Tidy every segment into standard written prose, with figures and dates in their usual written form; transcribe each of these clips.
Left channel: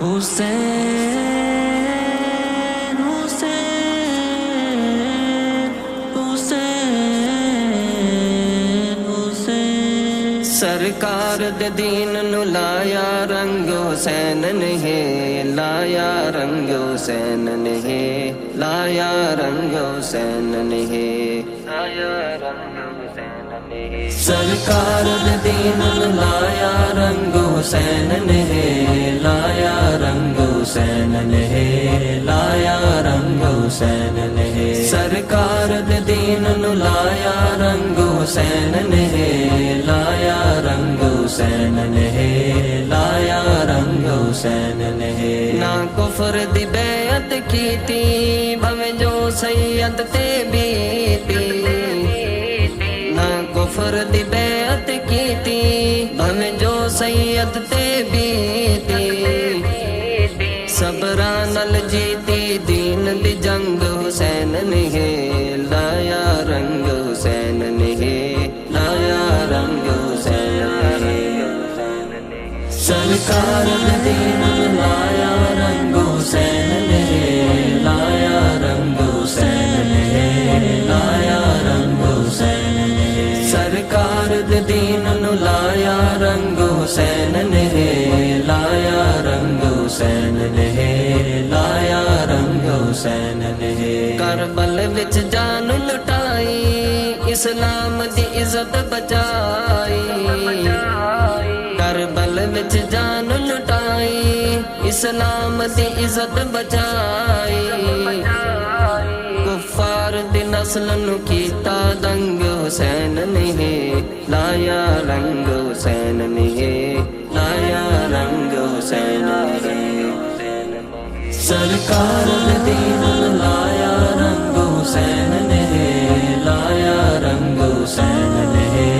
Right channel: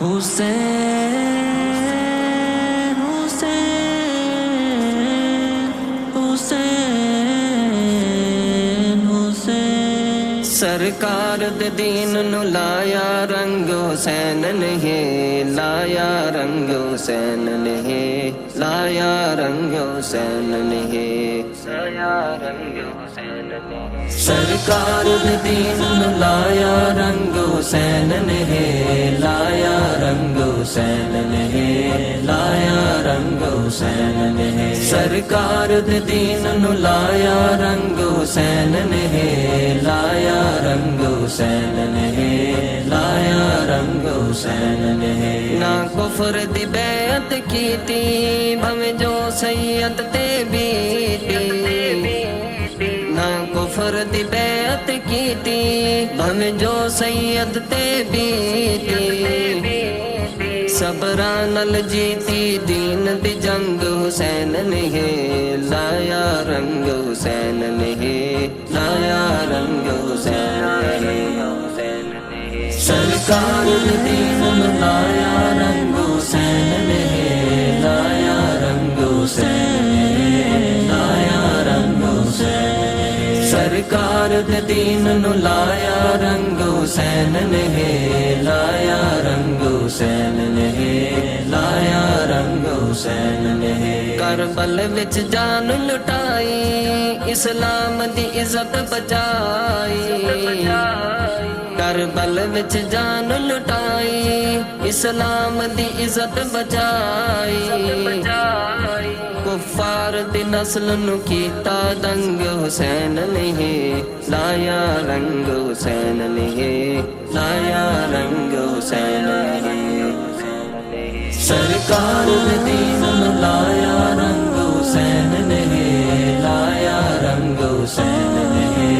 حسین حسین حسین حسین سرکار دے دین نو لایا رنگ حسین نے لایا رنگ حسین نے لایا رنگ حسین نے لایا رنگ حسین نے سرکار دے دین نو لایا رنگ حسین نے لایا رنگ حسین نے لایا رنگ حسین نے سرکار دے دین نو لایا رنگ حسین نے لایا رنگ حسین نے لایا رنگ حسین نے نہ کفر دی بیعت کیتی بھویں جو سید تے بیتی نہ کفر دی بیعت کیتی بھویں جو سید تے بیتی صبراں نال جیتی دین دی جنگ حسین نے لایا رنگ حسین نے لایا رنگ حسین نے سرکار نے دین لایا رنگ حسین نے لایا رنگ حسین نے لایا رنگ حسین سرکار دے دین نو لایا رنگ حسین نے لایا رنگ حسین نے لایا رنگ حسین نے کربل وچ جان لٹائی اسلام دی عزت بچائی کربل وچ جان لٹائی اسلام دی عزت بچائی کفار دی نسل نو کیتا دنگ حسین نے لایا رنگ حسین نے لایا رنگ حسین نے سرکار نے دین نو لایا رنگ حسین نے لایا رنگ حسین نے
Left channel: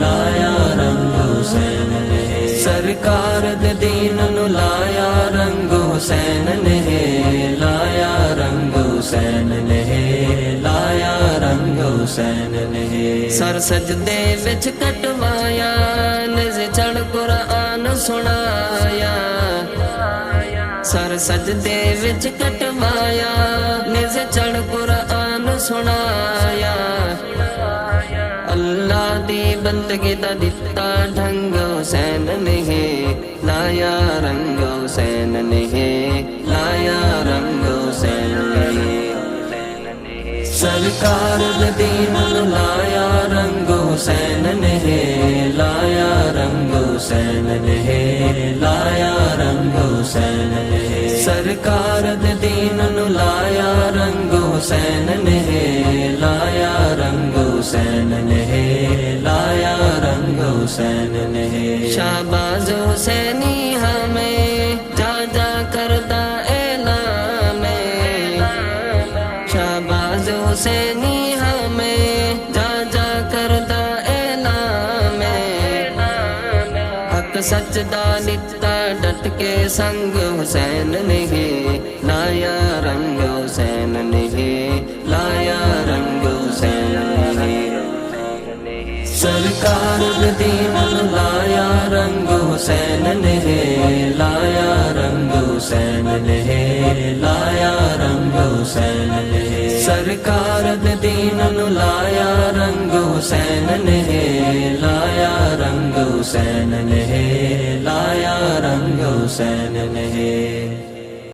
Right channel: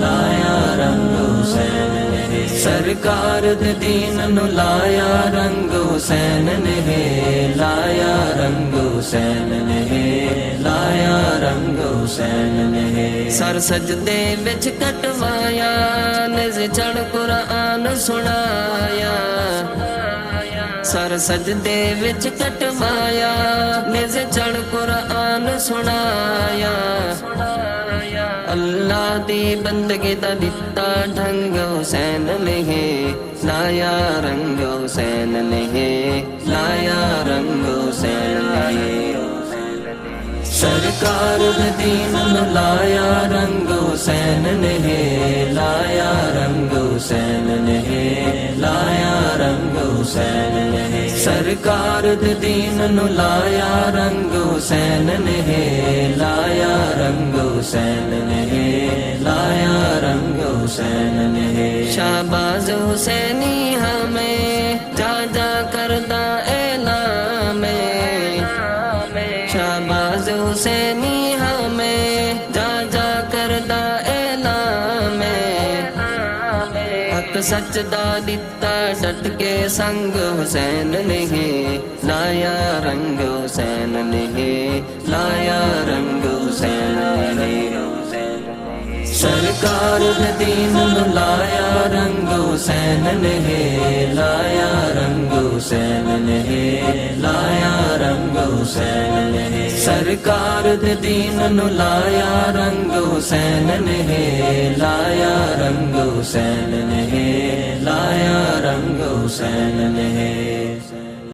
لایا رنگ حسین نے سرکار دے دین نو لایا رنگ حسین نے لایا رنگ حسین نے لایا رنگ حسین نے سر سجدے وچ کٹوایا نز چڑھ قرآن سنایا سر سجدے وچ کٹوایا نز چڑھ قرآن سنایا اللہ دی بندگی دا دتا ڈھنگ حسین نے لایا رنگ حسین نے لایا رنگ حسین نے سرکار دے دین نو لایا رنگ حسین نے لایا رنگ حسین نے لایا رنگ حسین نے سرکار دے دین نو لایا رنگ حسین نے لایا رنگ حسین نے لایا رنگ حسین نے شہباز حسینی ہمیں جا جا کردہ اعلان شہباز حسینی ہمیں جا جا کردہ اعلان حق سچ دا دتا ڈٹ کے سنگ حسین نے لایا رنگ حسین نے لایا رنگ حسین نے سرکار دے دین نو لایا رنگ حسین نے لایا رنگ حسین نے لایا رنگ حسین نے سرکار دے دین نو لایا رنگ حسین نے لایا رنگ حسین نے لایا رنگ حسین نے